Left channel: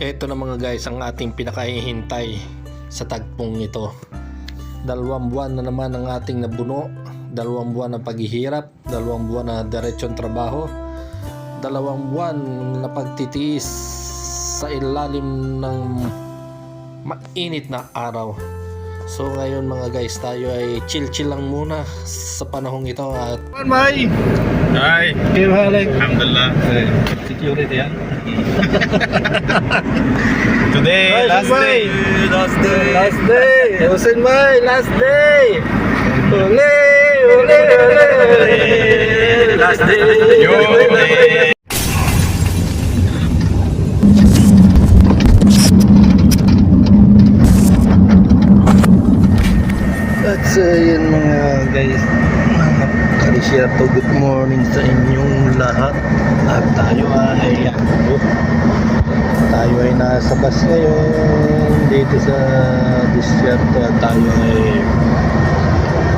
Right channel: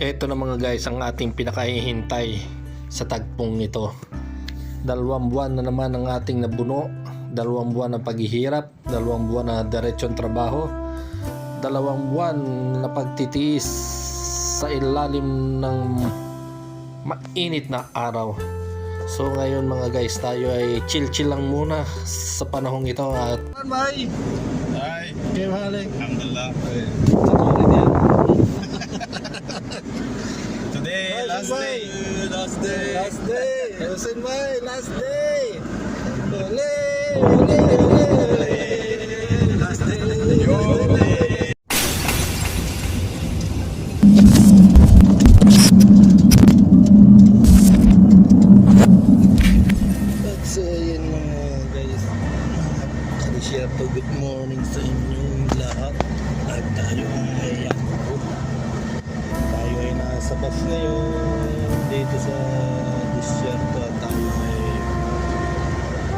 Ito na mga guys ang ating pinakahihintay sa tagpong ito. 2 buwan na naman ang ating nabuno, 2 buwan na paghihirap, 2 buwan na diretsyon trabaho, 2 buwan na pagtitiis sa ilalim ng mainit na araw. So ngayon mga guys, tayo ay chill lang muna sa panahong ito at May! Hi! Kayo haling? Alhamdulillah. Security yan. Today, last day. Last day! Last day! Hussein May! Last day! Ule! Ule! Ule! Last day! Yun! At yun mga guys, Kalisya po, good morning sa inyong lahat. At tayo ay nasa bus ngayon dito sa disyerto. At tayo ay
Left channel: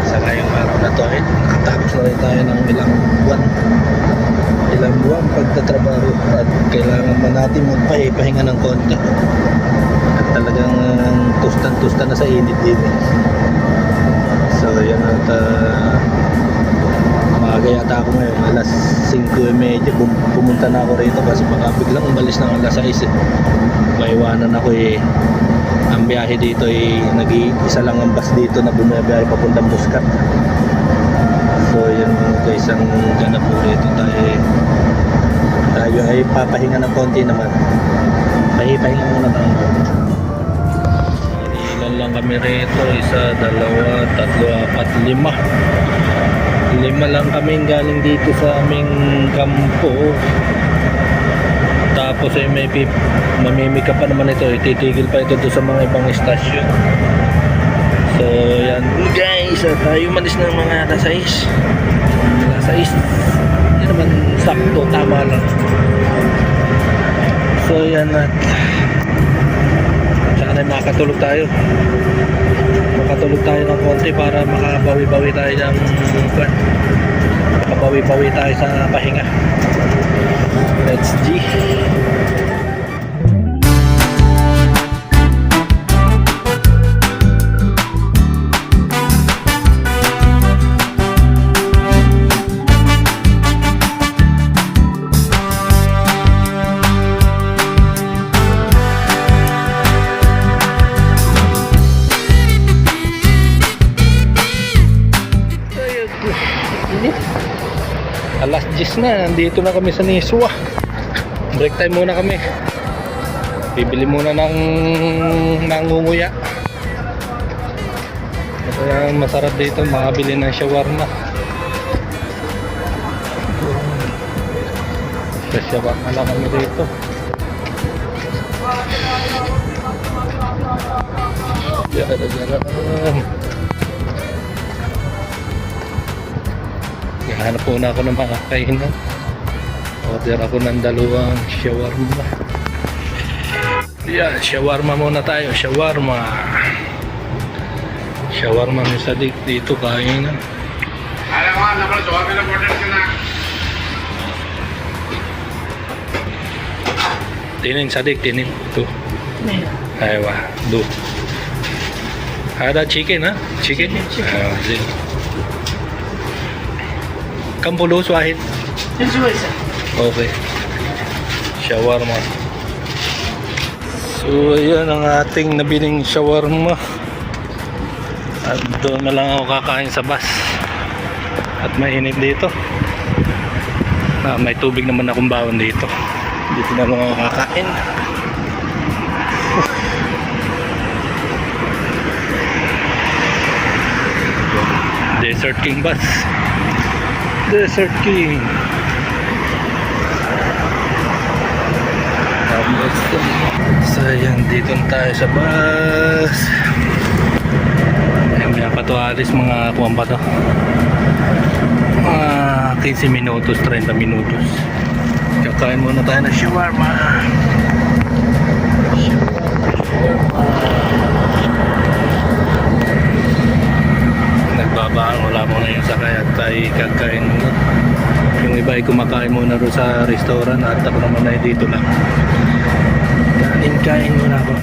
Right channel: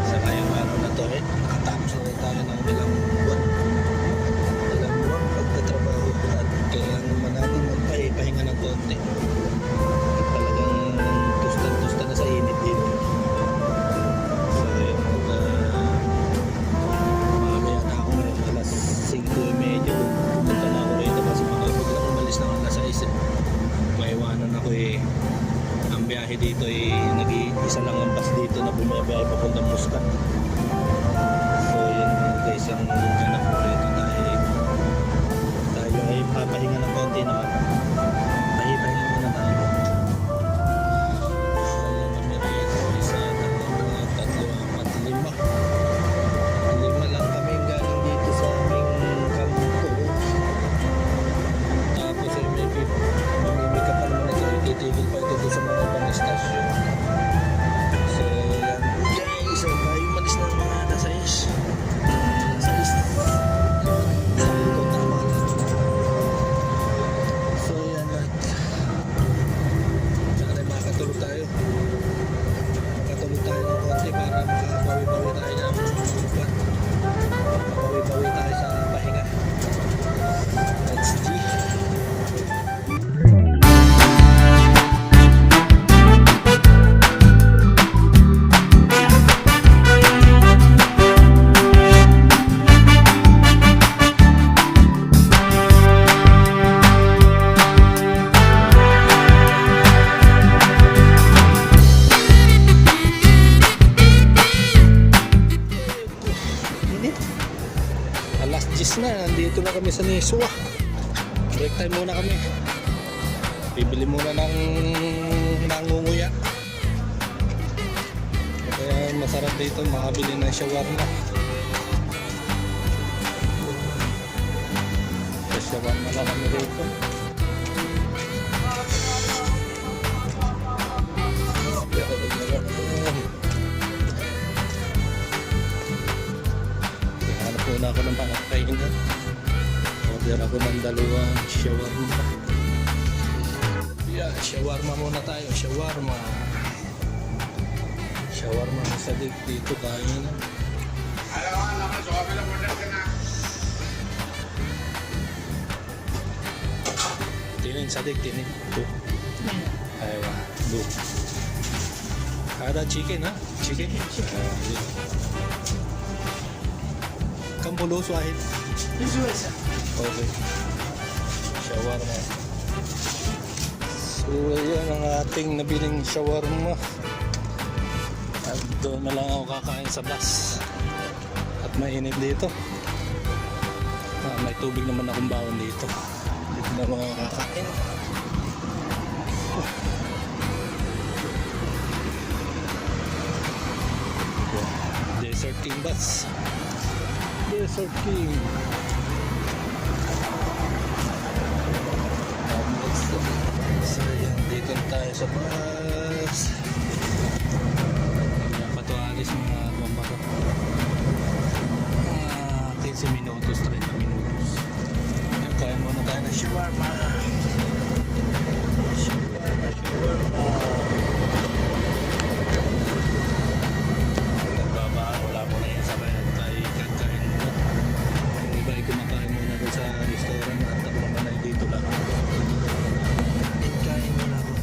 sa ngayong araw na to ay nakatapos na rin tayo ng ilang buwan pagtatrabaho at kailangan pa natin magpahinga ng konti at talagang tustan na sa init dito. So yan at maaga yata ako ngayon, alas 5:30 pumunta na ako rito kasi baka biglang umalis na alas 6 maiwanan ako ang biyahe dito nag-iisa lang ang bus dito na bumabiyahe papuntang Muscat. So yan guys ang ganap po rito, tayo ay papahinga ng konti naman, pahinga muna tayo. Ilan lang kami rito, 1, 2, 3, 4, 5 5 lang kami galing dito sa aming kampo. Tapos ay mamimika pa naman ito, titigil pa ito sa mga ibang istasyon. So yan guys, tayo malis na mga alas 6. Hindi naman sakto, tama lang. So yan at saka na makatulog tayo ng konti para makabawi-bawi tayo sa pahinga. Let's G. Alas 10 na, nandito na kami sa Niswa. Break time muna kami. Bibili muna ng nangunguya. Kaya masarap dito, makabili ng shawarma. Sa shawarma lang kami dito. Hanap po na ako ng makakainan. Order ako ng 2 shawarma. Yan, shawarma muna tayo. Shawarma ni Sadik dito kain. Tinin Sadik, tinin. Tuh. Aywa, do. Ada chicken ha? Chicken? Kampulo, Swahid? Okay. Shawarma. So, yan ang ating nabiling shawarma. At doon na lang ako kakain sa bus. At mainit dito. May tubig naman akong bawon dito. Dito na lang ako kakain. Desert King bus. Desert King. So yan, dito tayo sa bus. May napatualis mga kuwan pa to, 15 minutos, 30 minutos. Kakain muna tayo ng shawarma. Nagbabaan, wala muna yung sakay at tayo kakain muna. Yung iba ay kumakain muna doon sa restaurant at ako naman ay dito lang. Kain Kain muna ako.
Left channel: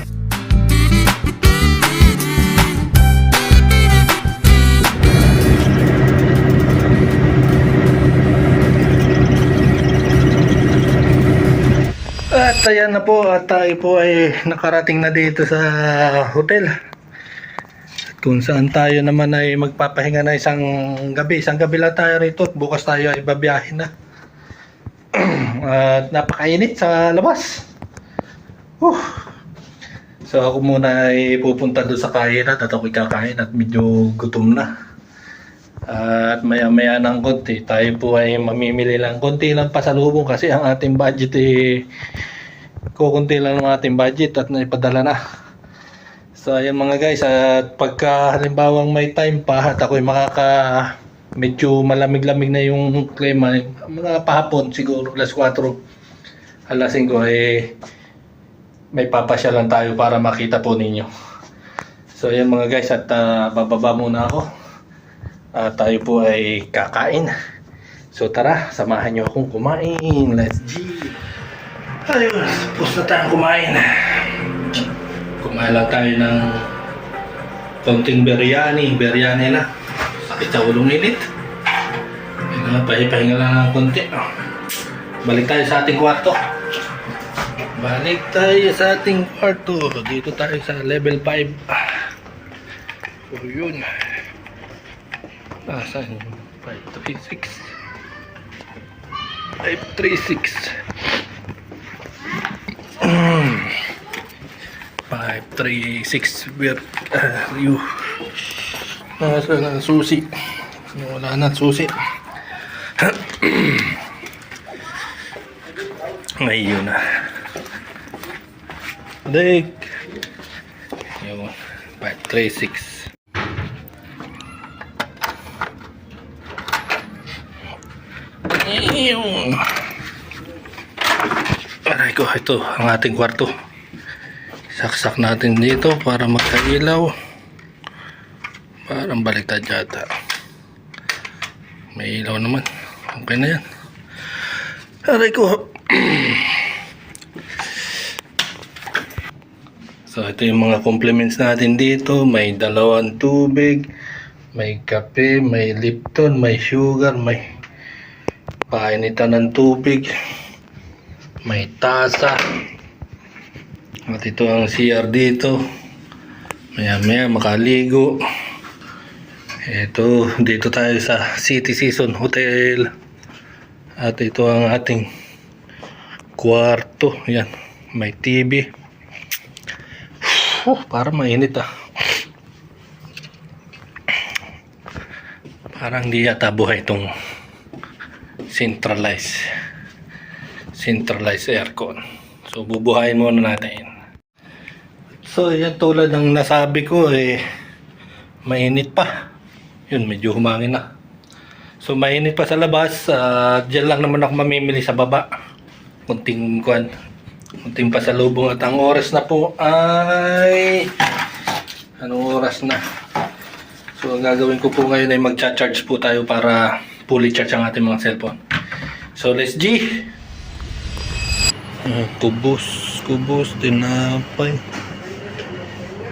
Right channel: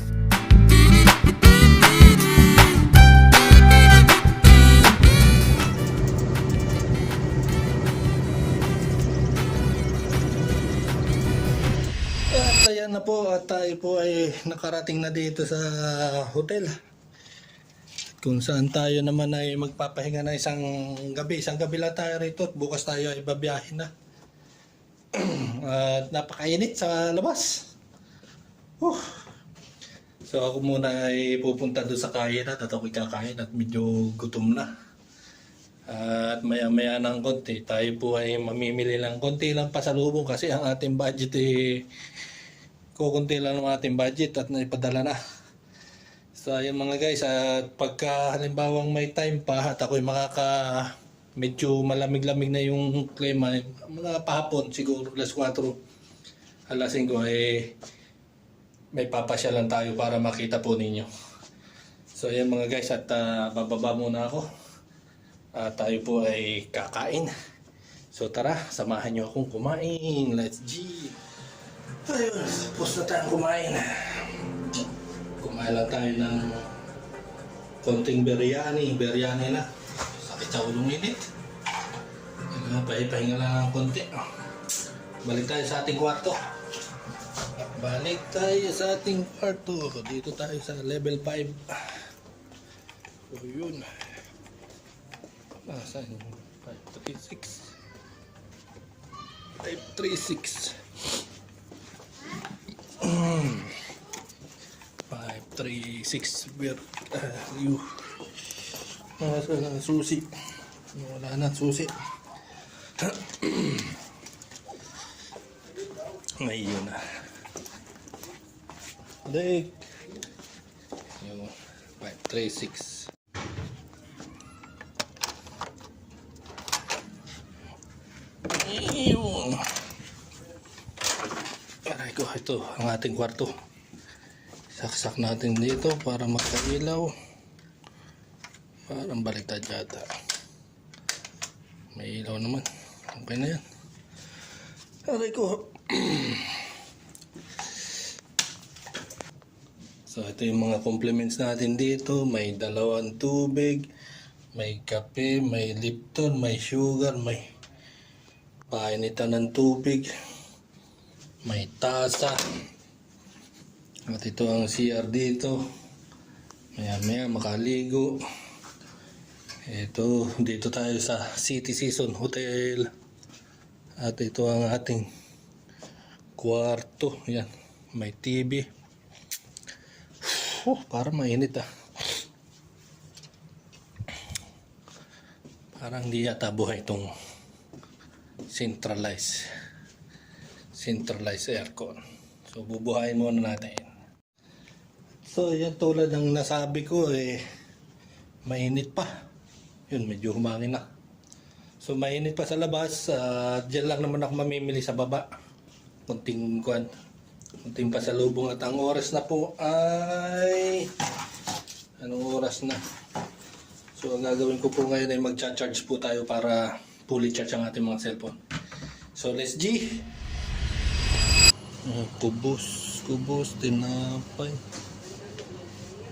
At ayan na po, at tayo po ay nakarating na dito sa hotel. At kung saan tayo naman ay magpapahinga na isang gabi. Isang gabi lang tayo rito at bukas tayo ay babiyahin na. At napakainit sa labas. So ako muna ay pupunta doon sa kainan at ako'y kakain at medyo gutom na. At maya maya ng konti tayo po ay mamimili lang konti lang pasalubong kasi ang ating budget kukunti lang ng ating budget at naipadala na. So ayan mga guys, at pagka halimbawang may time pa at ako'y medyo malamig-lamig na yung klima, mga pahapon siguro alas 4 alas 5 may papasya lang tayo para makita po ninyo. So ayan mga guys, at bababa muna ako. Tayo po ay kakain. So tara, samahan nyo akong kumain. Let's G. Ayun, tapos na tayong kumain. Kumain lang tayo ng konting biryani. Biryani na. Sakit sa ulong init. Pahinga lang ng konti. Balik tayo sa ating kwarto. Balik tayo sa ating kwarto. Dito tayo sa level 5. O yun. Saan yun? 536 536 536 view. Nasaan ang susi? Wala na susi. Ngayon na Dek yun 536. Aray ko, ito ang ating kwarto. Saksak natin dito para magkailaw. Parang baliktad yata. May ilaw naman. Okay na yan. Aray ko. So ito yung mga compliments natin dito. May 2 tubig, may kape, may Lipton, may sugar, may painitan ng tubig, may tasa. At ito ang CR dito. Maya maya makaligo. Ito, dito tayo sa City Season Hotel. At ito ang ating kwarto. Yan, may TV. Parang mainit Parang di yata buhay itong centralized aircon. So bubuhayin muna natin. So yan, tulad ng nasabi ko mainit pa. Yun, medyo humangin na. So mainit pa sa labas. Diyan lang naman ako mamimili sa baba. Kunting pasalubong. At ang oras na po ay anong oras na? So ang gagawin ko po ngayon ay magcha-charge po tayo para fully charge ang ating mga cellphone. So let's G. Kubos, tinapay,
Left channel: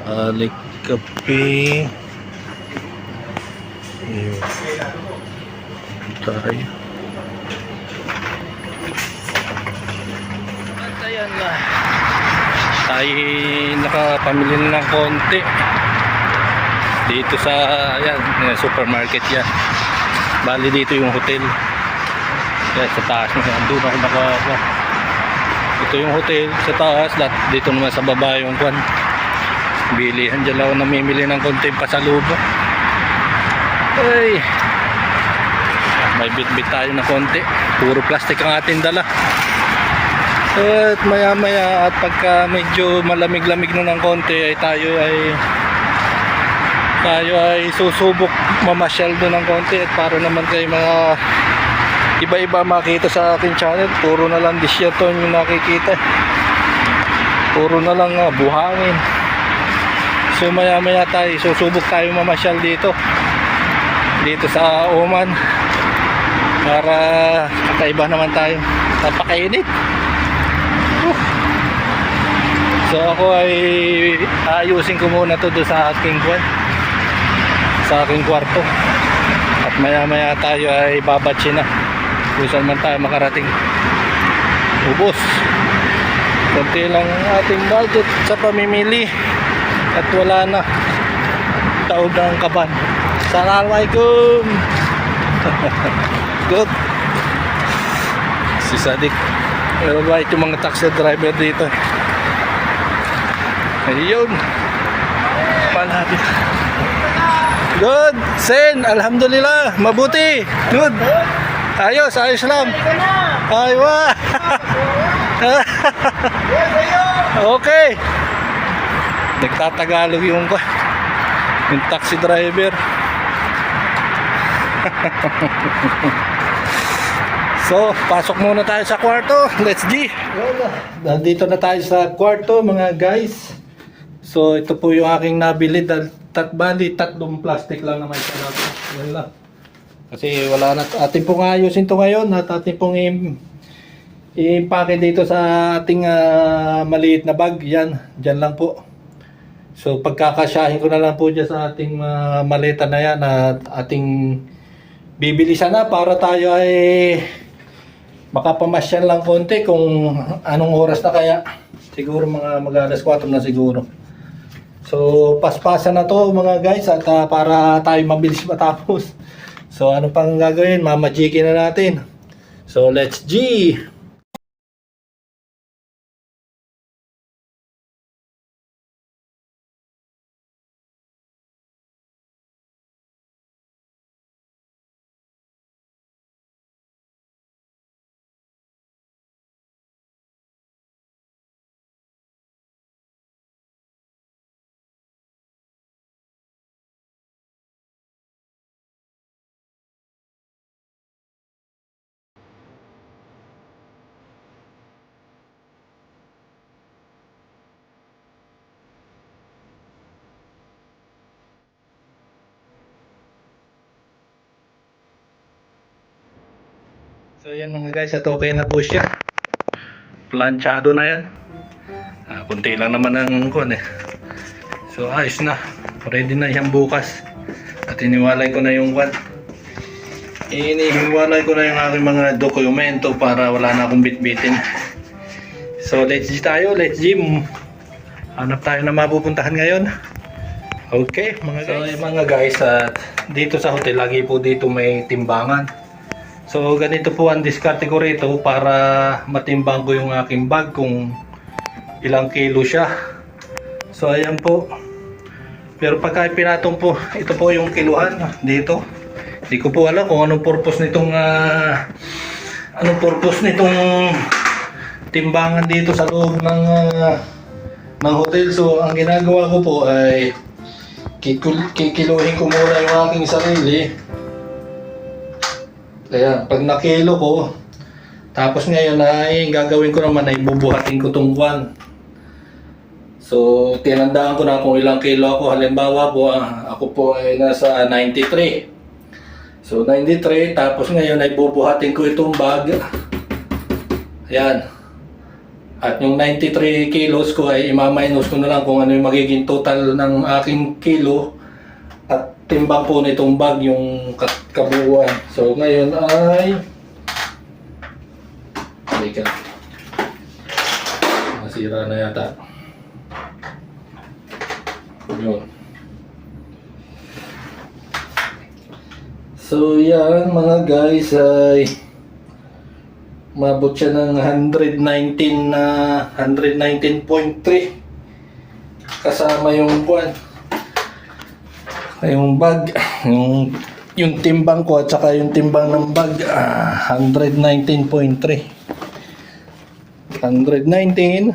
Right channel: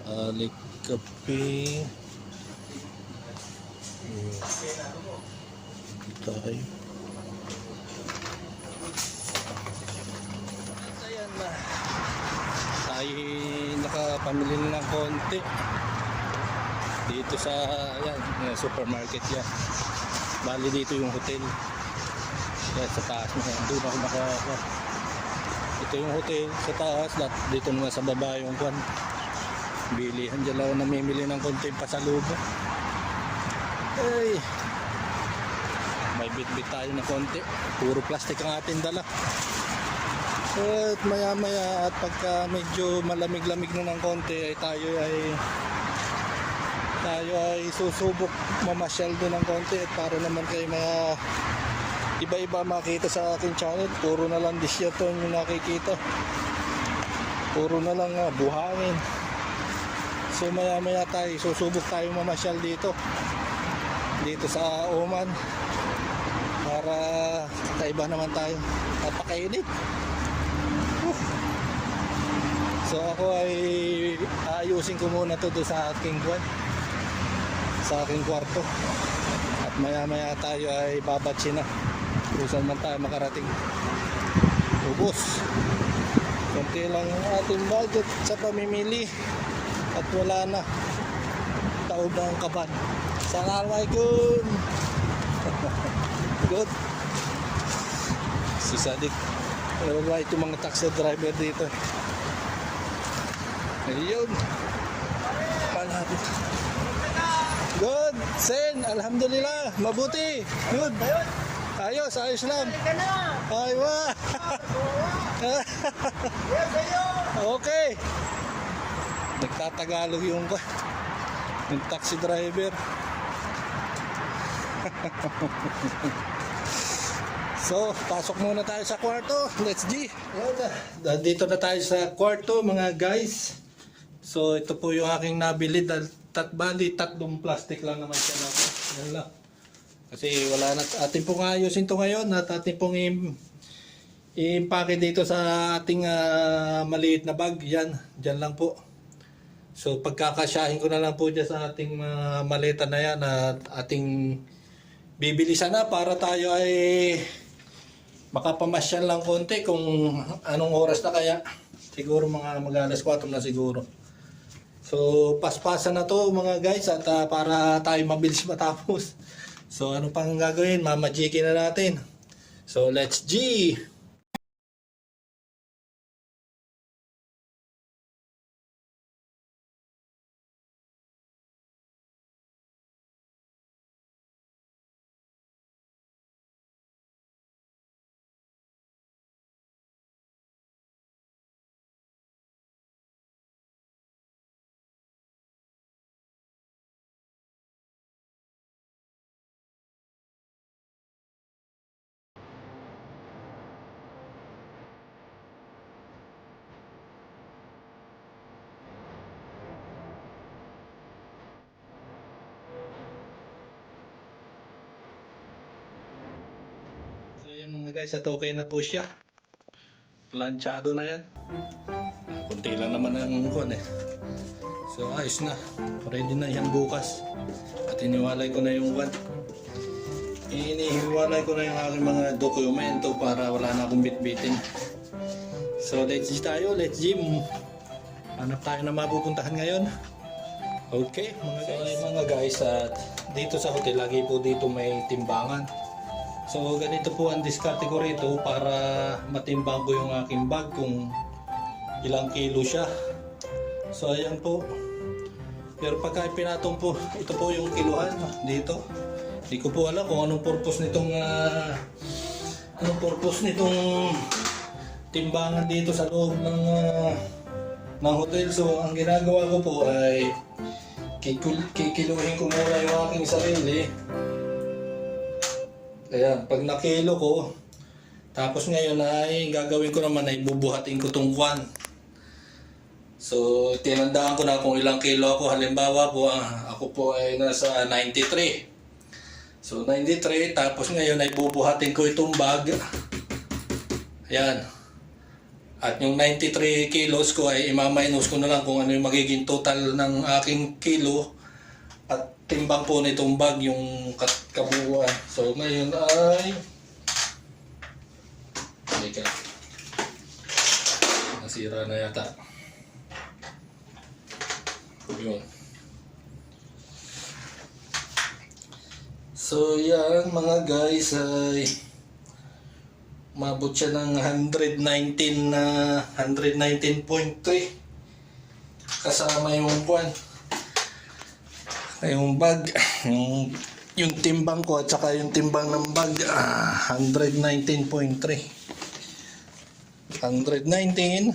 alik, kape. Ayun. Tayo. At ayan na. Tayo nakapamili na ng konti. Dito sa supermarket yan. Bali dito yung hotel. Kaya sa taas na yan. Doon ako nakakuha. Ito yung hotel sa taas. Dito naman sa baba yung kwan. Bilihan dyan lang ako namimili ng konting pasalubong. Ay. May bit-bit tayo na konti. Puro plastic ang ating dala. At maya maya at pagka medyo malamig-lamig na ng konti ay tayo ay susubok mamasyal doon ng konti at para naman kayo mga iba-iba makita sa aking channel. Puro na lang disyaton yung nakikita, puro na lang buhangin. So maya maya tayo susubok tayo mamasyal dito sa Oman para kakaiba naman tayo. Napakainit. So ako ay ayusin ko muna to doon sa aking kwarto. At maya tayo ay babatsi na. Kung saan man tayo makarating. Ubos. Kunti lang ating budget sa pamimili. At wala na. Taod ng kaban. Assalamualaikum. Good. Si Sadik. Pero ba yung mga taxi driver dito? Ayun. Malapit. Good. Sen. Alhamdulillah. Mabuti. Good. Ayos lang. Aywa. Okay. Nagtatagalog yung taxi driver. So, pasok muna tayo sa kwarto. Let's G. Dito na tayo sa kwarto mga guys. So, ito po yung aking nabili. Bali, tatlong plastic lang naman siya natin. Yan lang. Kasi wala na. Atin pong ayusin ito ngayon. At atin pong i-impake dito sa ating maliit na bag. Yan. Diyan lang po. So, pagkakasyahin ko na lang po dyan sa ating maleta na yan. At ating bibilisan na para tayo ay makapamasyal lang konti kung anong oras na kaya. Siguro mga mag-alas 4 na siguro. So paspasan na to mga guys at para tayo mabilis matapos. So ano pang gagawin? Mamajikin na natin. So let's G! So yan mga guys, at okay na po siya. Planchado na yan. Kunti lang naman ang So ayos na. Ready na yan bukas. At iniwalay ko na yung inihiwalay ko na yung aking mga dokumento para wala na akong bitbitin. So let's G tayo, let's G. Hanap tayo na mapupuntahan ngayon. Okay mga guys. So mga guys, at dito sa hotel lagi po dito may timbangan. So ganito po ang diskarte ko rito para matimbang ko yung aking bag kung ilang kilo siya. So ayan po. Pero pagka pinatong po, ito po yung kiluhan dito. Hindi ko po alam kung anong purpose nitong timbangan dito sa loob ng hotel. So ang ginagawa ko po ay kikiluhin ko muna yung aking sarili. Kaya pag nakilo ko, tapos ngayon ay gagawin ko naman ay bubuhatin ko tong kwan. So tinandaan ko na kung ilang kilo ako. Halimbawa po, ako po ay nasa 93. So 93, tapos ngayon ay bubuhatin ko itong bag. Ayan. At yung 93 kilos ko ay imaminus ko na lang kung ano yung magiging total ng aking kilo. At timbang po nitong bag yung kabuuan. So ngayon ay nasira na yata. Yun. So yan mga guys ay mabot siya ng 119 na 119.3 kasama yung buwan. Yung bag, yung timbang ko at saka yung timbang ng bag, 119.3. 119.3.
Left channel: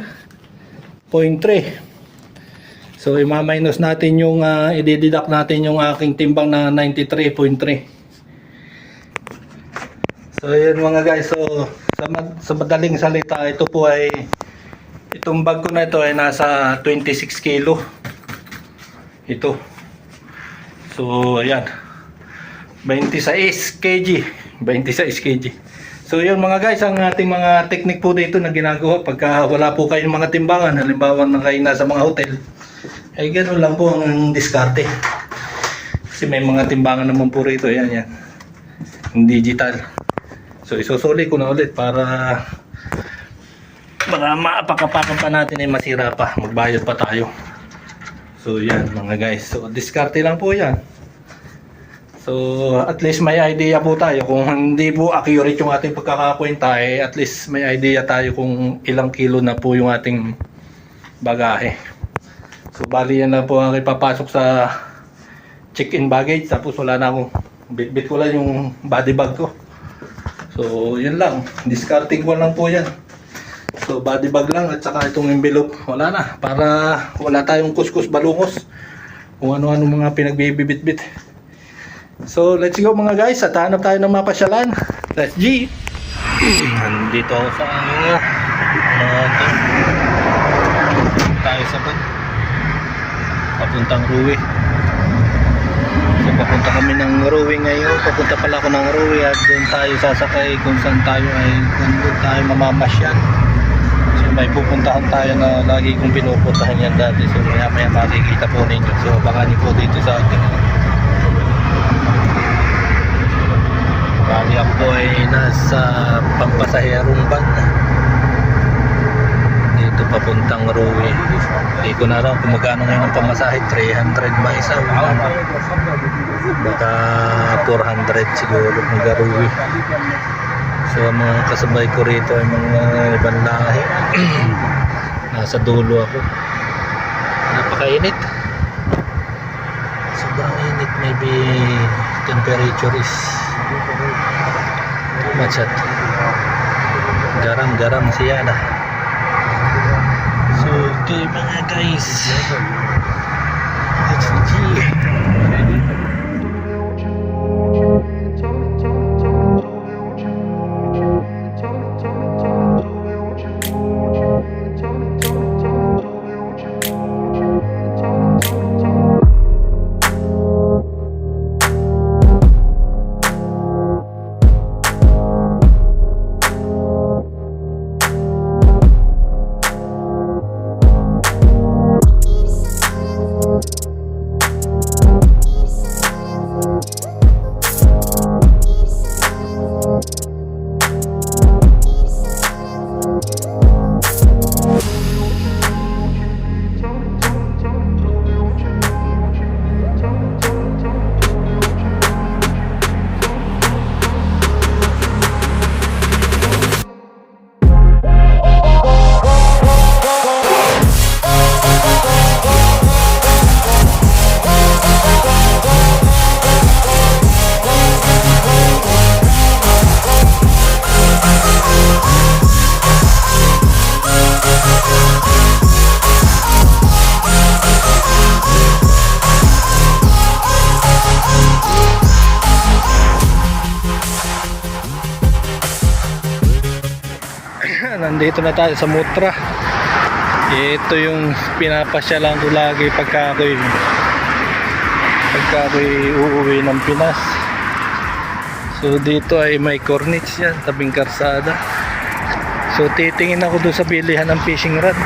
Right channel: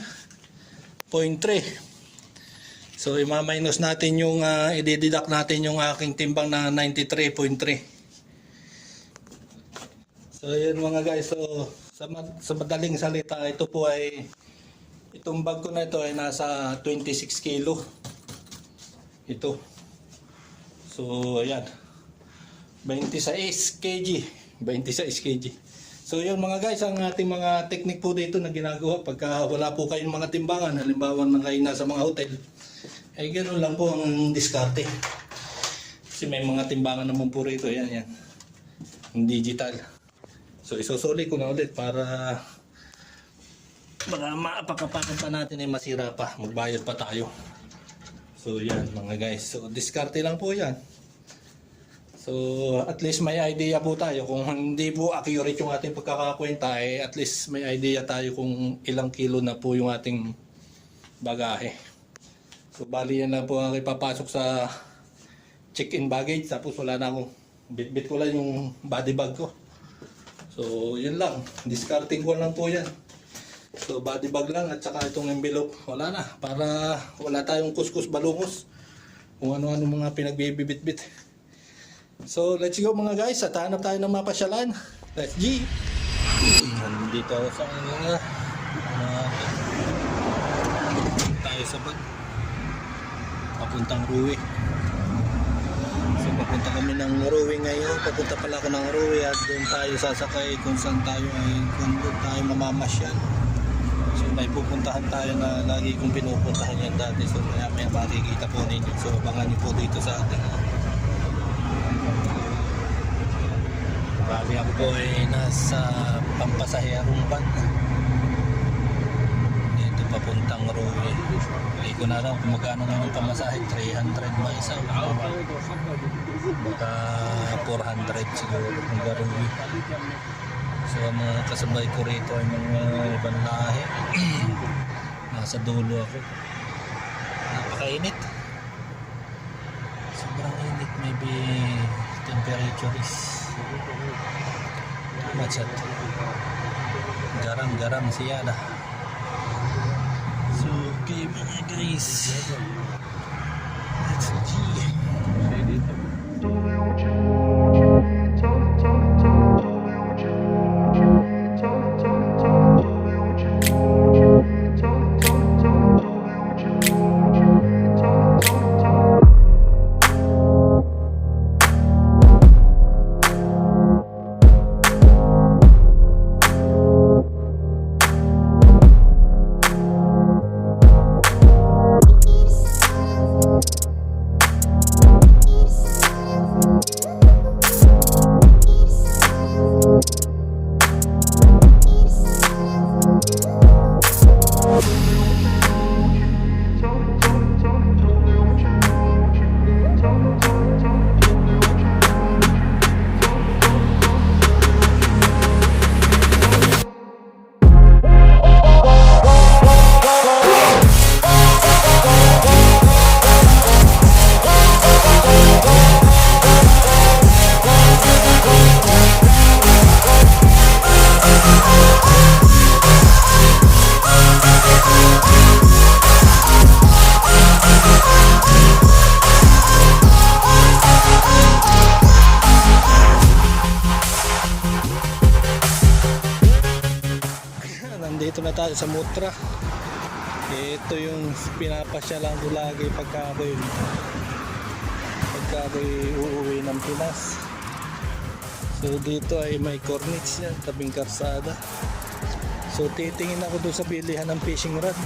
So i-minus natin yung i-deduct natin yung aking timbang na 93.3. So yun mga guys, so sa madaling salita, ito po ay itong bag ko na ito ay nasa 26 kilo. Ito. So ayan. 26 kg. 26 kg. So yun mga guys, ang ating mga technique po dito na ginagawa pagka wala po kayong mga timbangan, halimbawa na kayo nasa mga hotel, ay ganoon lang po ang diskarte. Kasi may mga timbangan naman po rito, yan, yung digital. So isusuli ko na ulit para maapakapakan pa natin ay masira pa, magbayad pa tayo. So yan mga guys, so diskarte lang po yan. So at least may idea po tayo kung hindi po accurate yung ating pagkakakwenta, at least may idea tayo kung ilang kilo na po yung ating bagahe. So bali yan lang po ang ipapasok sa check-in baggage, tapos wala na akong bit ko lang yung body bag ko. So yun lang, discarding ko lang po yan. So body bag lang at saka itong envelope, wala na, para wala tayong kuskus balungos kung ano-ano mga pinagbibibit-bit. So let's go mga guys, at hanap tayo ng mapasyalan. Let's G. Nandito ako sa tayo sa bag papuntang Ruwi. So papunta kami ng Ruwi ngayon, papunta pala ako ng Ruwi at doon tayo sasakay kung saan tayo ay kung doon tayo mamamasyan. So may pupuntahan tayo na lagi kong pinupuntahan yan dati, so maya makikita po ninyo. So abangan niyo po dito sa ating bali ako po ay nasa pampasaherong van dito papuntang Ruwi. Hindi ko na alam kung magkano ngayon ang pamasahe, 300 ba isa o baka 400 siguro mga Ruwi. So ang mga kasabay ko rito ay mga ibang lahi. Nasa dulo ako, napakainit, sobrang init, maybe temperature is macet, garang siya na. So okay mga guys, let's see. Nandito na tayo sa Mutra. Ito yung pinapasyalan ko lagi pagka ako'y uuwi ng Pinas. So dito ay may corniche yan, tabing karsada. So titingin ako doon sa bilihan ng fishing rod.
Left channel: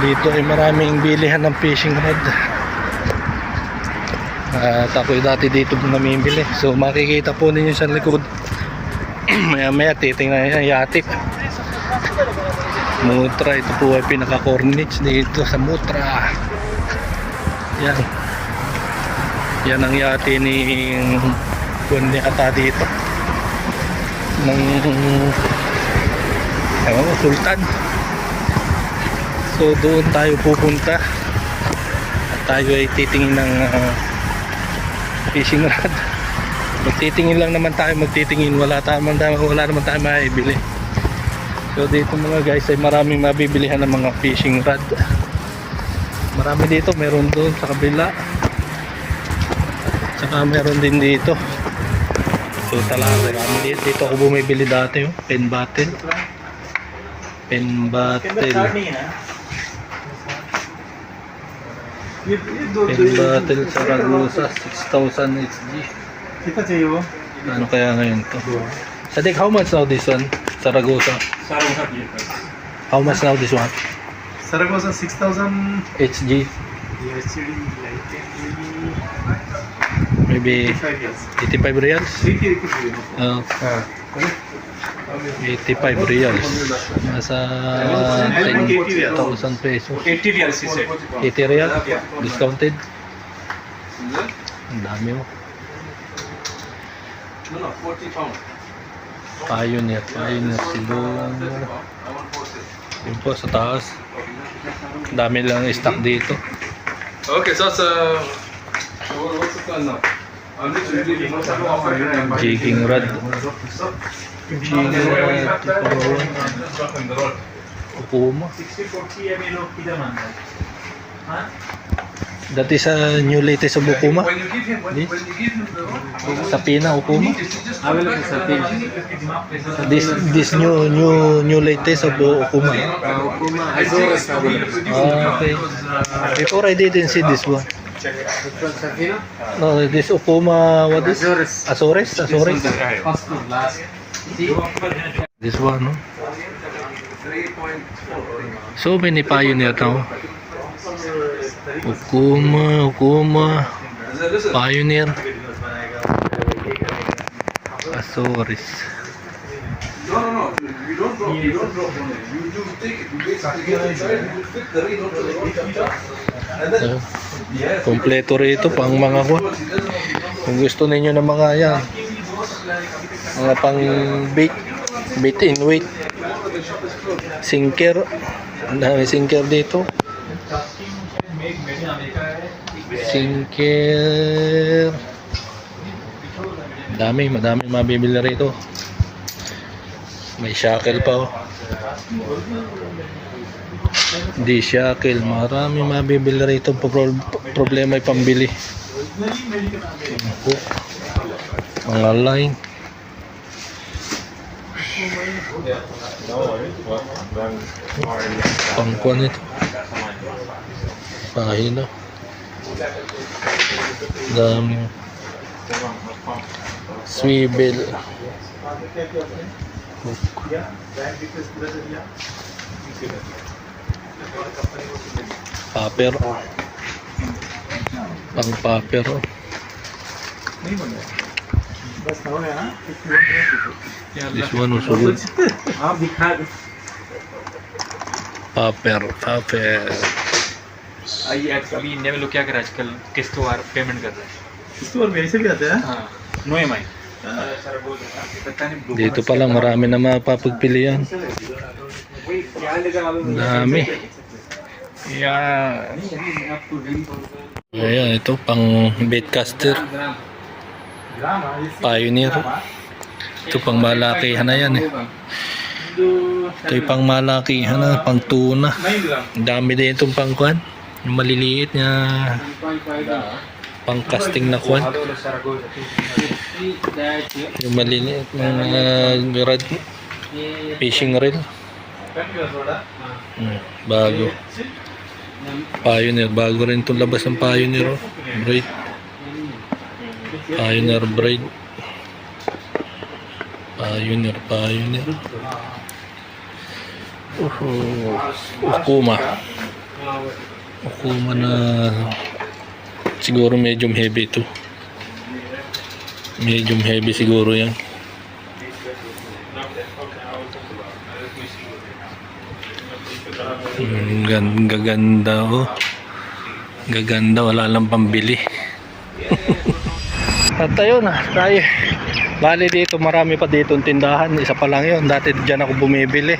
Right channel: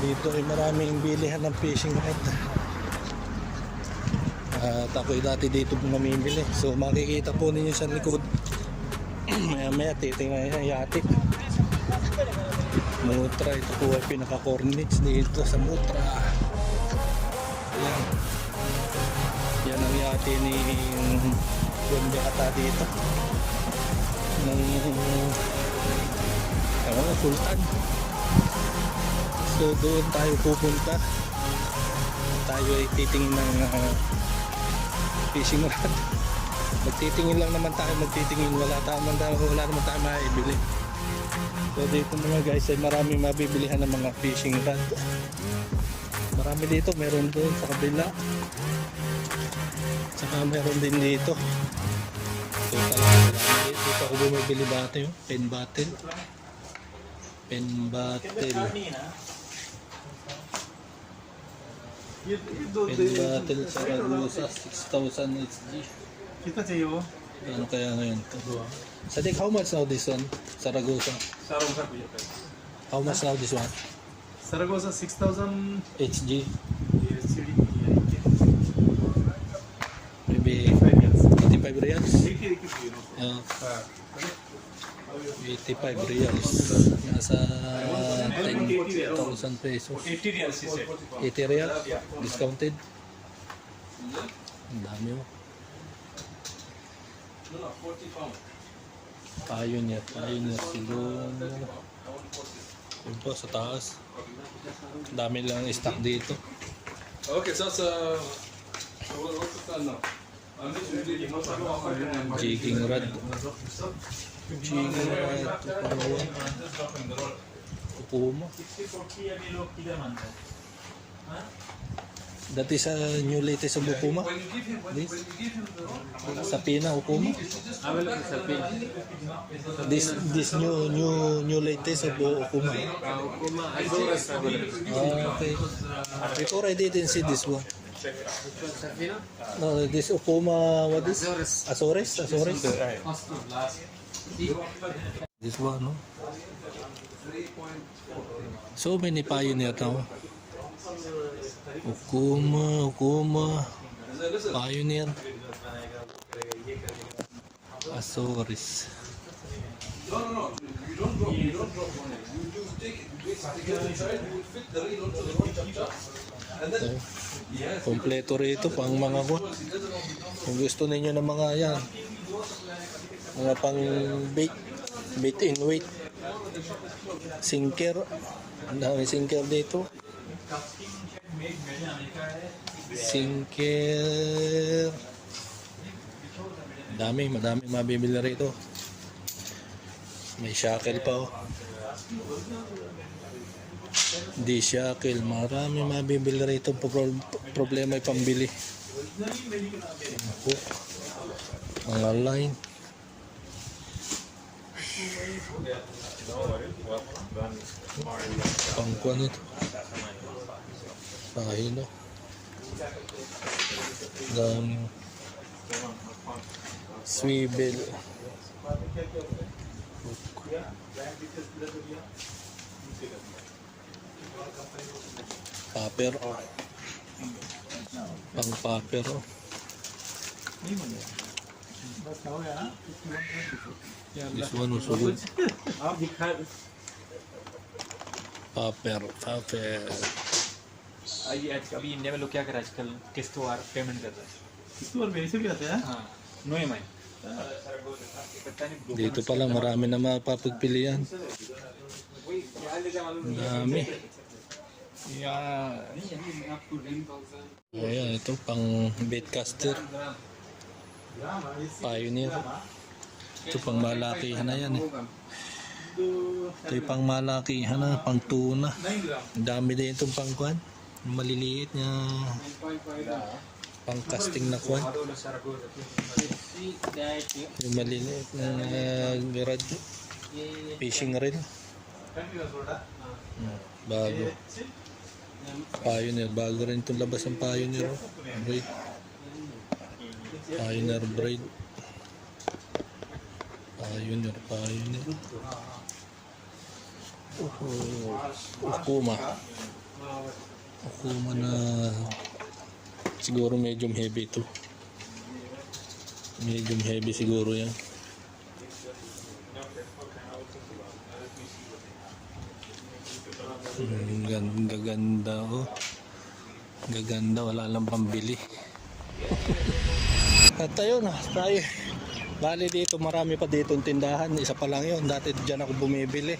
Dito ay maraming bilihan ng fishing rod. At ako'y dati dito namimili. So makikita po ninyo sa likod. Maya titingnan yung yate. Mutra, ito po ay pinaka-corniche dito sa Mutra. Yan ang yate ni Kundi Ata dito ng Sultan. So doon tayo pupunta at tayo ay titingin ng fishing rod. Magtitingin lang naman tayo, wala naman tayo maibili. So dito mga guys ay maraming mabibilihan ng mga fishing rod. Marami dito, meron doon sa kabila, tsaka meron din dito. So talaga marami dito ako bumibili dati, pen battle Saragosa 6,000 HG. Ano kaya ngayon to? Sadiq, how much now this one? Saragossa. How much now this one? Saragossa 6,000 HG. USD. Maybe 85 reals? 85 reals. Nasa 10,000 pesos. 80 reals he said. 80 real? Discounted? Ang dami oh. No, 40 pounds. Pioneer siguro. Yun po sa taas. Dami lang stock dito. Okay, so what's the call now? I'm just reading. Jigging rod. Ukuma. That is a new latest of Ukuma. When you give him This? when you give him the road, Sapina Ukuma. available Sapina. This new latest of Ukuma. Azores available. Okay. Before I didn't see this one. Sapina? No, this Ukuma, what is? Azores. Azores. First to last. This one, no? So many Pioneer now. Ukuma, Pioneer, Azores. No. You don't drop. You take it. You basically get inside. You fit the ring onto the road. And then Kompleto rito pang mga kwa. Kung gusto ninyo ng mga yan, mga pang bait in weight, sinker, ang dami sinker dito. Sinker, madami mabibili rito. May shackle pa oh. Di shackle, marami mabibili rito. Problema ay pambili. Hook, mga line. Pangkuan ito. Pahina. Daming swivel. Hook. Paper. Pang paper. This one also good. Paper. I actually India में लोग क्या कर रहे हैं आजकल किस्त वार पेमेंट कर रहे हैं इस बार मेरे से भी आते हैं. हाँ no M I Dito pa lang marami na mapapagpilian. Dami. Ayan, ito pang baitcaster. Pioneer. Ito pang malakihan na yan eh. Ito yung pang malakihan na, pang tuna. Ang dami din itong pang kwan. Yung maliliit na pang casting na kwan. Yung maliliit na rod, fishing reel. Bago. Pioneer, bago rin itong labas ng Pioneer oh. Braid. Pioneer braid. Pioneer. Ukuma na siguro medium heavy ito. Medium heavy siguro yan. Gaganda oh. Gaganda, wala lang pambili. At ayun na, tayo. Bali dito, marami pa dito tindahan. Isa pa lang yun. Dati dyan ako bumibili.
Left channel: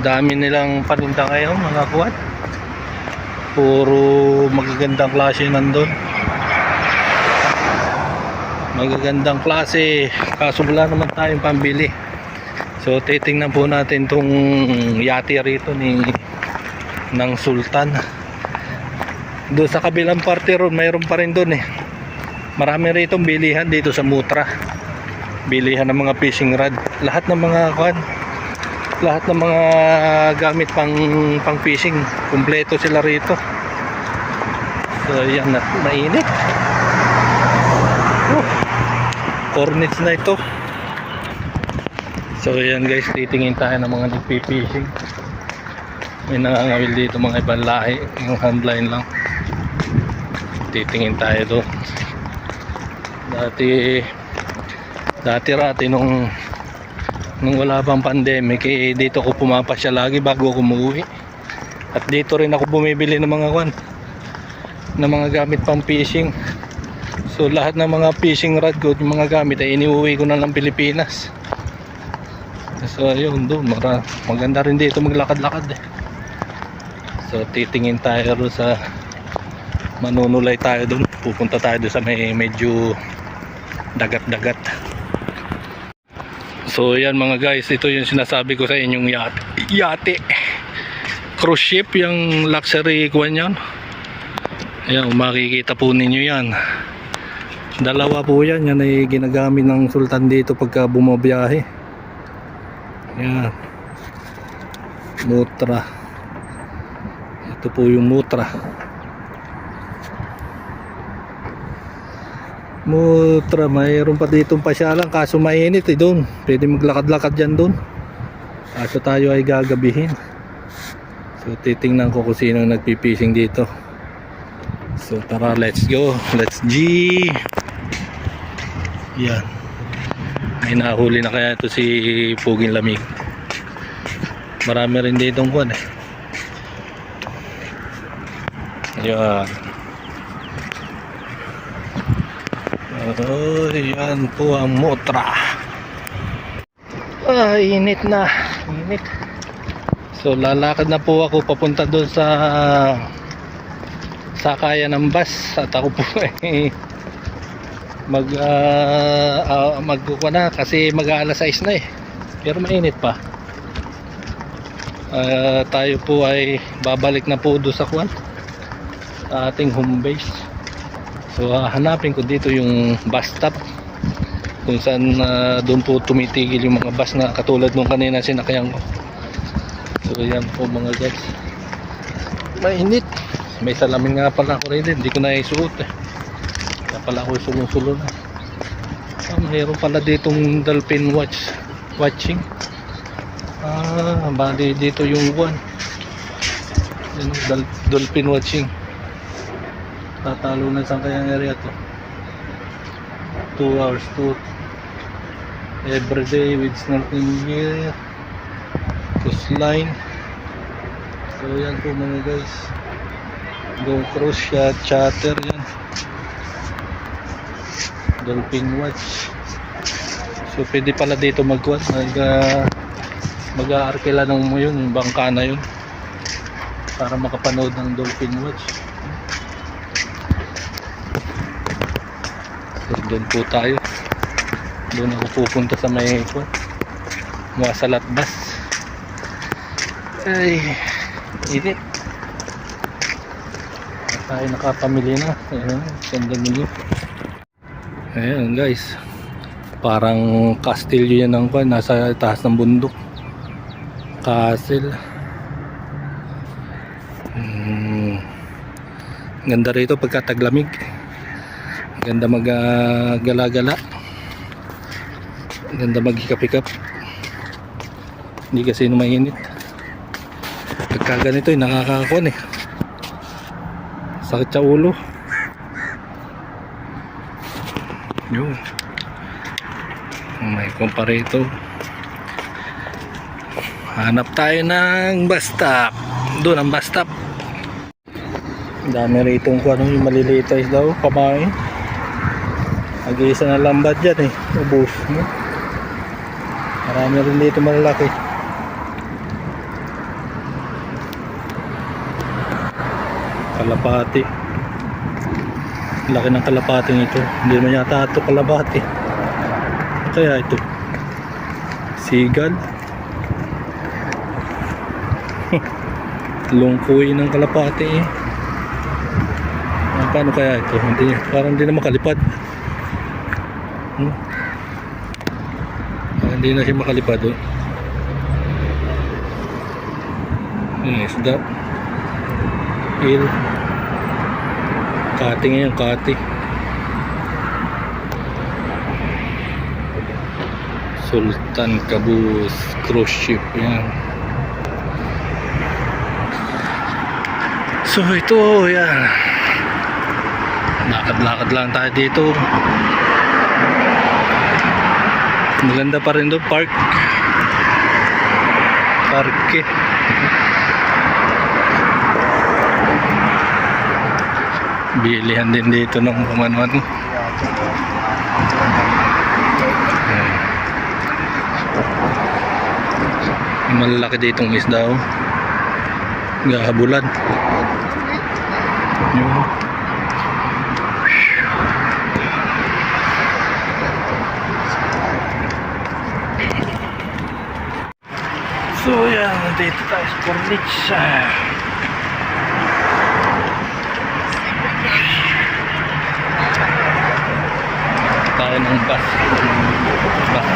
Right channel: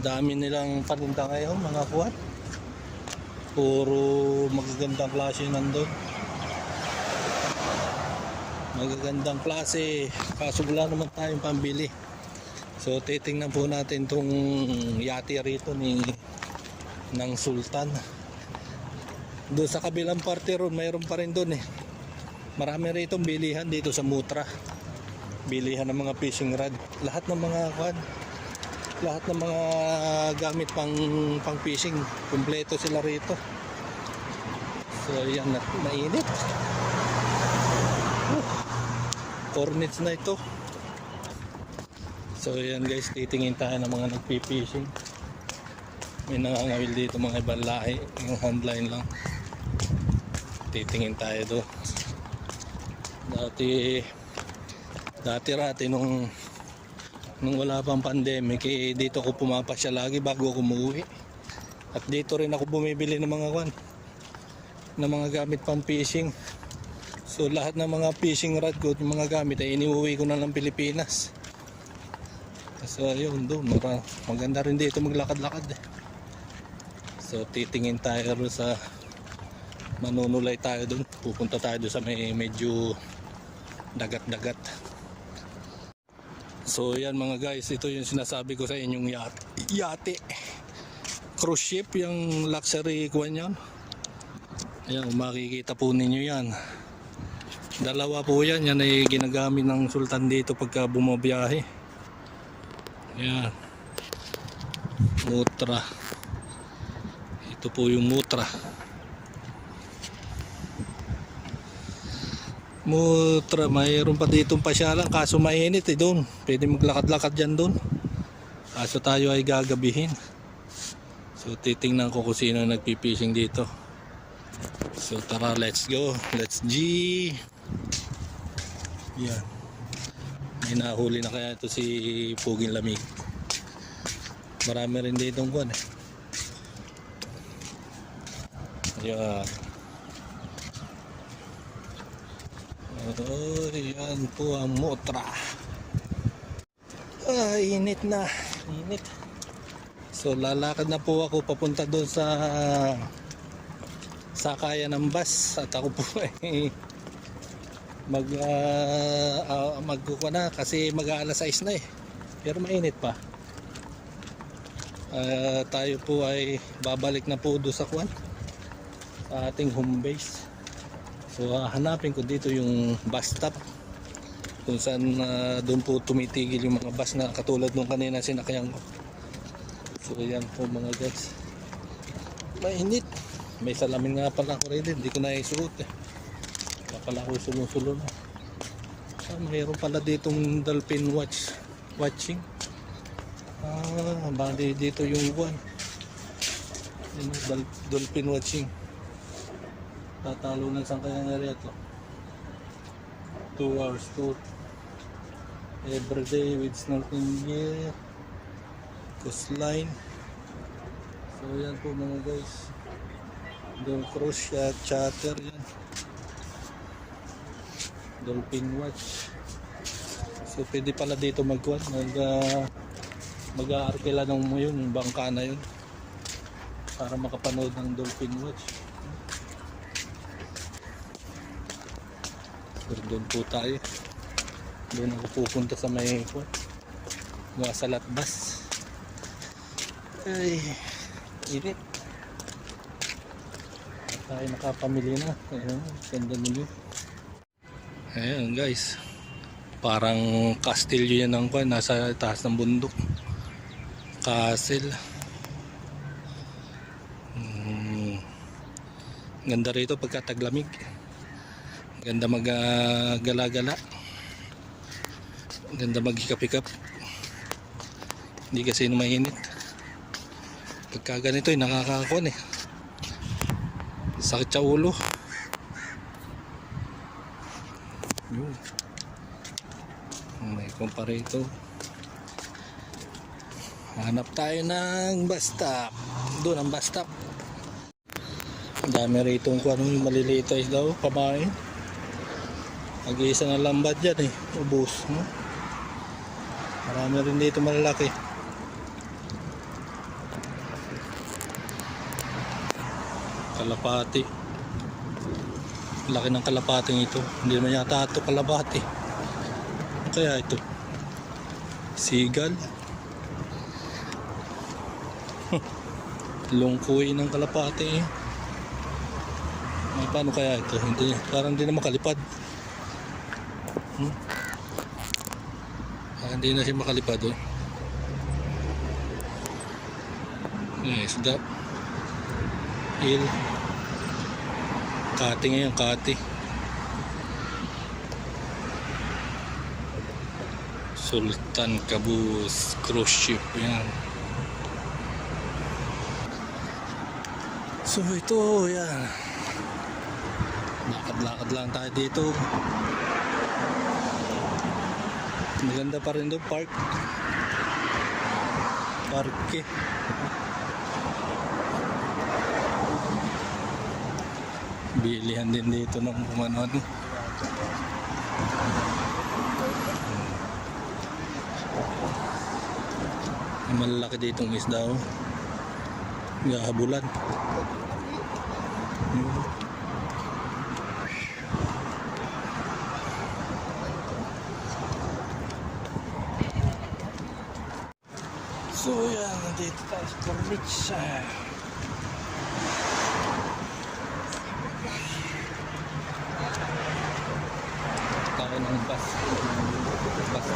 Dami nilang paninda ngayon, mga kuwan. Puro magagandang klase nandun. Magagandang klase. Kaso wala naman tayong pambili. So titingnan po natin tong yate rito ng Sultan. Doon sa kabilang parte ron, mayroon pa rin doon eh. Marami rito bilihan dito sa Mutra. Bilihan ng mga fishing rod. Lahat ng mga kwan. Lahat ng mga gamit pang fishing, kumpleto sila rito. So yan na, mainit. Cornets na ito. So yan guys, titingin tayo ng mga nagpipishing. May nakangawil dito mga ibang lahi, yung handline lang. Titingin tayo doon. Dati nung wala pang pandemic, dito ko pumapasya lagi bago ako umuwi. At dito rin ako bumibili ng mga gamit pang fishing. So lahat ng mga fishing rod ko, yung mga gamit ay iniuwi ko na lang Pilipinas. So ayun, doon maganda rin dito maglakad-lakad eh. So titingin tayo doon sa manunulay tayo doon. Pupunta tayo doon sa medyo dagat-dagat. So yan mga guys, ito yung sinasabi ko sa inyong yate. Cruise ship, yung luxury kuwan yan. Ayan, makikita po ninyo yan. Dalawa po yan, yan ay ginagamit ng sultan dito pagka bumabiyahe. Yan. Mutra. Ito po yung mutra. Mutra, mayroon pa ditong pasyalan kaso mainit eh doon. Pwede maglakad-lakad dyan doon. Kaso tayo ay gagabihin. So titingnan ko kung sino nagpipishing dito. So tara, let's go. Let's G. Yan. Ay nahuli na kaya ito si Puging Lamig. Marami rin ditong kuwan eh. Yan. Oh, yan po ang mutra. Init na. Init. So lalakad na po ako papunta doon sa sakayan ng bus. At ako po ay magkukuha na kasi mag-aalas 6 na eh. Pero mainit pa. Tayo po ay babalik na po doon sa kuwan, sa ating home base. So hanapin ko dito yung bus stop kung saan doon po tumitigil yung mga bus na katulad nung kanina sinakyan ko. So yan po mga guys, mainit. May salamin nga pala ako rin, hindi ko na isuot eh. Kaya pala ako sulong-sulong eh. Mayroon pala ditong dolphin watching. Bali dito yung one, yung dolphin watching. Tatalo na sa kayang area to. 2 hours tour everyday with snorkeling gear, coastline. So yan po mga guys, go cruise shot, charter yan, dolphin watch. So pwede pala dito mag-aarkila ng mo yun, yung bangka na yun para makapanood ng dolphin watch. So doon po tayo, doon ako pupunta sa may mga salat bus. Ay init. Tayo nakapamili na. Ayan, ganda nyo. Ayan guys, parang castillo yan ng kwan, nasa taas ng bundok. Castle. Ganda rito pagka taglamig. Ganda mag-gala-gala. Ganda maghikap-hikap. Hindi kasi mainit. Pagka ganito ay nakakakuan eh. Sakit sa ulo. Yun. May comparator. Hanap tayo ng bus stop. Doon ang bus stop. Dami rito kung ano yung maliliit ay daw, pamain. Nag-iisa na lambat dyan eh, ubos no? Marami rin dito malalaki. Kalapati. Laki ng kalapating ito. Hindi naman yata ito kalapati. Kaya ito sigal. Lungkoy ng kalapati eh. Paano kaya ito? Hindi, parang hindi na makalipad. Hindi na siya makalipad oh. Isda il kati ngayon, kati. So Sultan Qaboos cruise ship yan. So ito yan, lakad-lakad lang tayo dito. Maganda pa rin doon, parke. Bilihan din dito ng kumano-ano. Malalaki ditong isda, oh. Gahabulan. Yun. So yan, dito tayo sa Corniche. Tayo ng bus stop.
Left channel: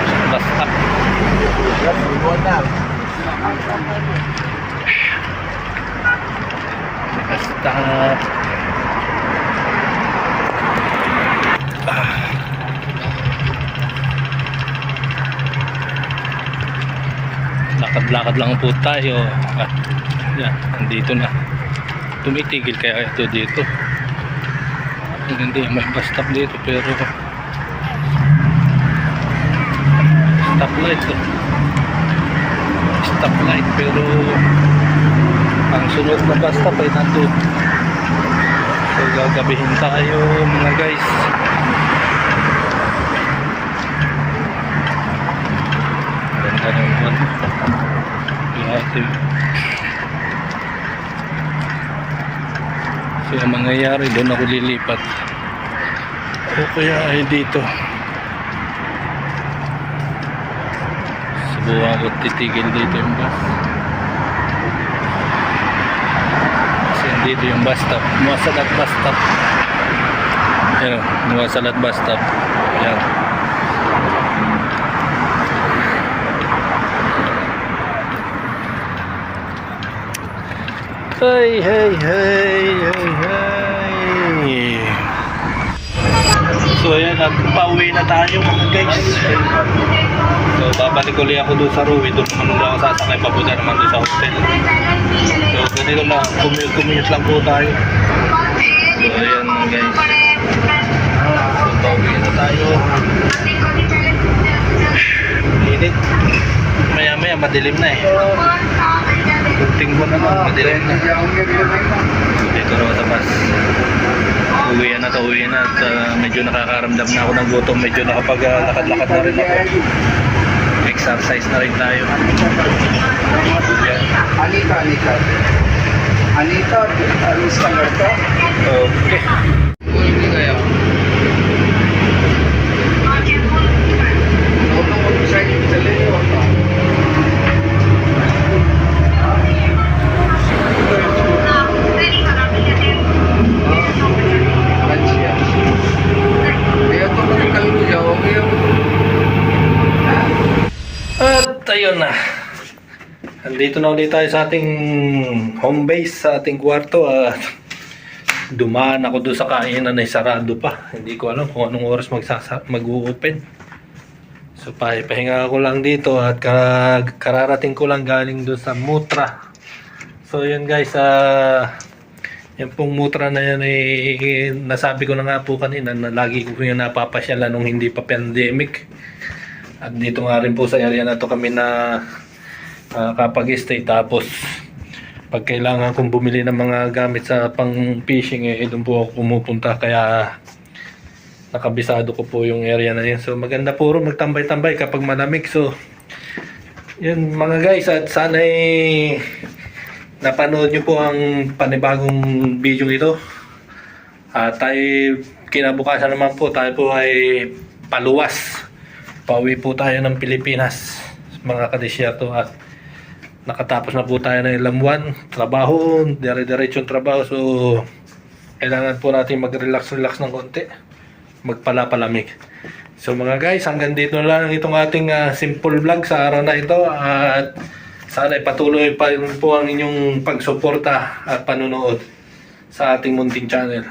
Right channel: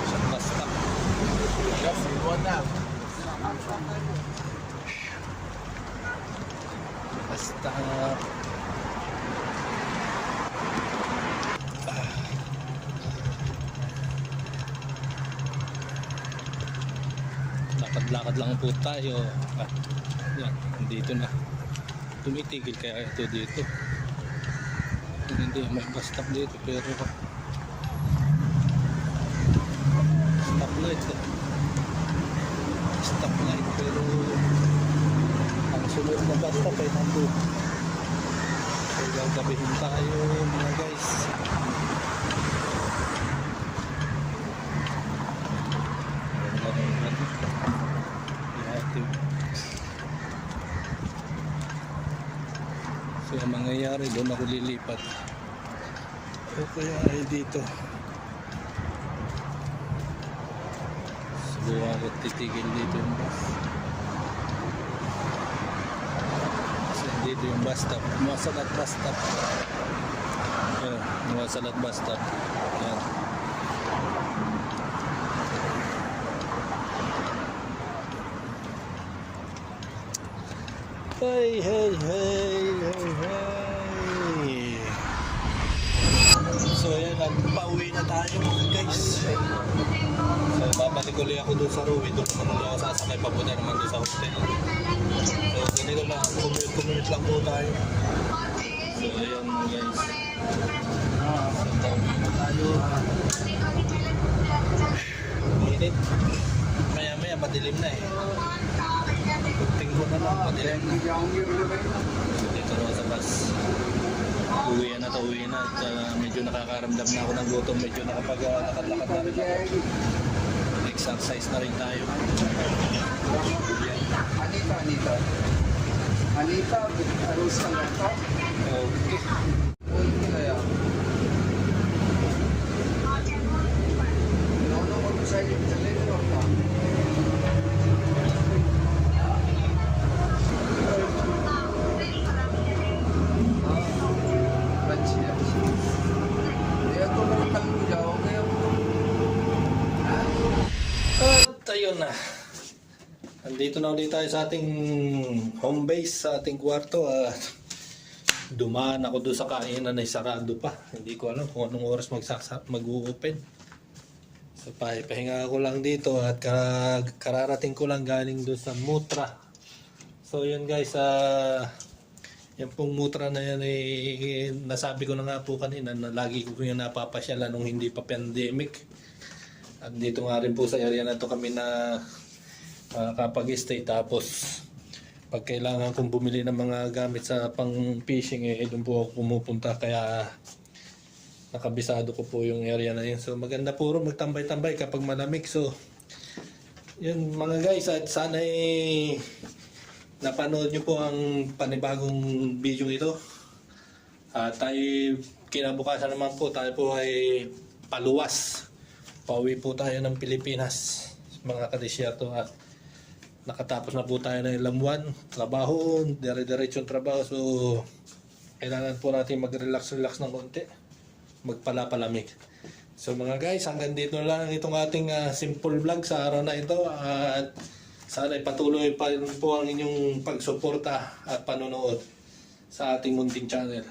Stop. Lakad-lakad lang po tayo at yan, andito na. Tumitigil kaya ito dito. Hindi, may bus stop dito pero stoplight pero ang sunod na bus stop ay nandun. So gagabihin tayo mga guys. Ganda naman. So ang mangyayari doon ako lilipat o kaya ay dito. Subukan ko titigil dito yung bus kasi dito yung bus stop, Muwasalat bus stop. Ayan, Muwasalat bus stop. Ayan. Hey. So ayan, pauwi na tayo mga guys. So babalik ulit ako doon sa Ruwi. Doon naman ulit ako sasakay papunta naman doon sa hotel. So ganito lang, commute lang po tayo. So ayan mga guys. So pauwi na tayo. Init. Maya madilim na eh. Kunting ko na lang, madilim na. Dito raw sa bus. Uwi na at medyo nakakaramdam na ako ng gutom. Medyo nakapag-lakad-lakad na rin ako. Exercise na rin tayo. Yan. Anita, alis ka na ito? Okay. Hindi kaya. Ako sa inyo, sa liyo. At ayun na. Andito na ulit tayo sa ating home base, sa ating kwarto at dumaan ako doon sa kainan ay sarado pa. Hindi ko alam kung anong oras mag-open. So pahinga ko lang dito at kararating ko lang galing doon sa Mutra. So yun guys, yung pong Mutra na yan ay nasabi ko na nga po kanina na lagi ko yung napapasyalan nung hindi pa pandemic. At dito nga rin po sa area na to kami na kapag-stay. Tapos pag kailangan kong bumili ng mga gamit sa pang fishing doon po ako pumupunta, kaya nakabisado ko po yung area na yun. So maganda po rin magtambay-tambay kapag malamig. So yun mga guys, at sana napanood nyo po ang panibagong video ito. Tayo kinabukasan naman po, tayo po ay paluwas. Pauwi po tayo ng Pilipinas mga kadisyerto, at nakatapos na po tayo ng ilang buwan trabaho, dire-diretsong trabaho. So kailangan po natin mag-relax ng konti, magpalalamig. So mga guys, hanggang dito lang itong ating simple vlog sa araw na ito, at sana ipatuloy pa rin po ang inyong pagsuporta at panunood sa ating munting channel.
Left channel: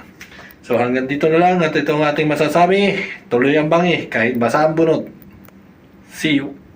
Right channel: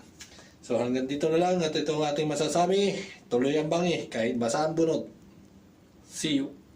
So hanggang dito na lang, at itong ating masasabi, tuloy ang bangi kahit basa ang bunot. See you.